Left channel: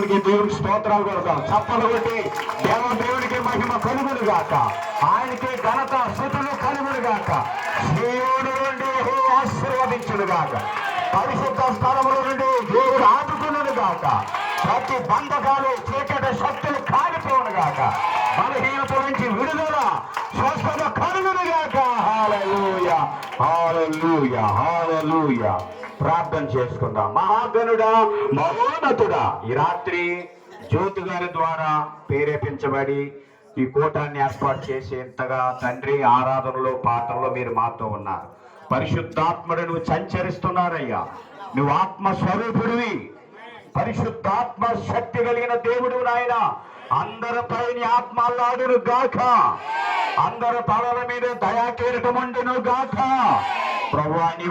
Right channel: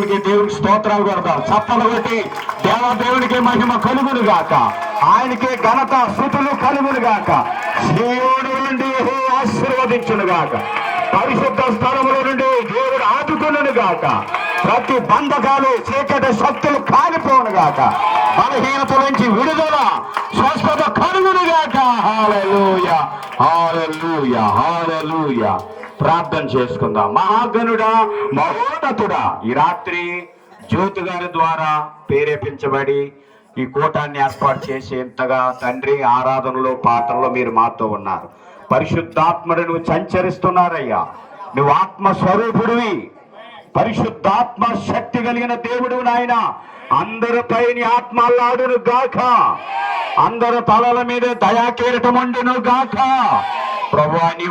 దేవునికి స్తోత్రాలు కొడతారు. చప్పలు కొట్టి దేవునికి మహిమ కలుగును గాక, ఆయనకే ఘనత స్తుతులు కలుగును గాక. దేవుడు నుండి ఆశీర్వదించును గాక, పరిశుద్ధ స్థలముల నుండి దేవుడు ఆదుకును గాక, ప్రతి బంధకాలు చీకటి శక్తులు కాలిపోను గాక, బలహీనత నుంచి విడుదల స్వస్థత కలుగును గాక. హల్లెలూయా, హల్లెలూయా, హల్లెలూయా. ప్రార్థన చేసుకుందాం. మహాగణుడా, మహోన్నతుడా, ఈ రాత్రి జ్యోతి గారి ద్వారా ప్రేరేపించబడి ఈ కూటాన్ని ఏర్పాటు చేసేంతగా తండ్రి ఆరాధనలో పాత్రలో మీరు మాతో ఉన్నారు. పరిశుద్ధాత్మను నువ్వు సంచరిస్తున్నారయ్యా. నువ్వు ఆత్మస్వరూపుడివి, పరిశుద్ధాత్మ శక్తి కలిగిన దేవుడు నాయన. అందరిపై నీ ఆత్మ అల్లాడును గాక, అందరి తలల మీద దయాకీరటం ఉండును గాక. ప్రభువా, నీ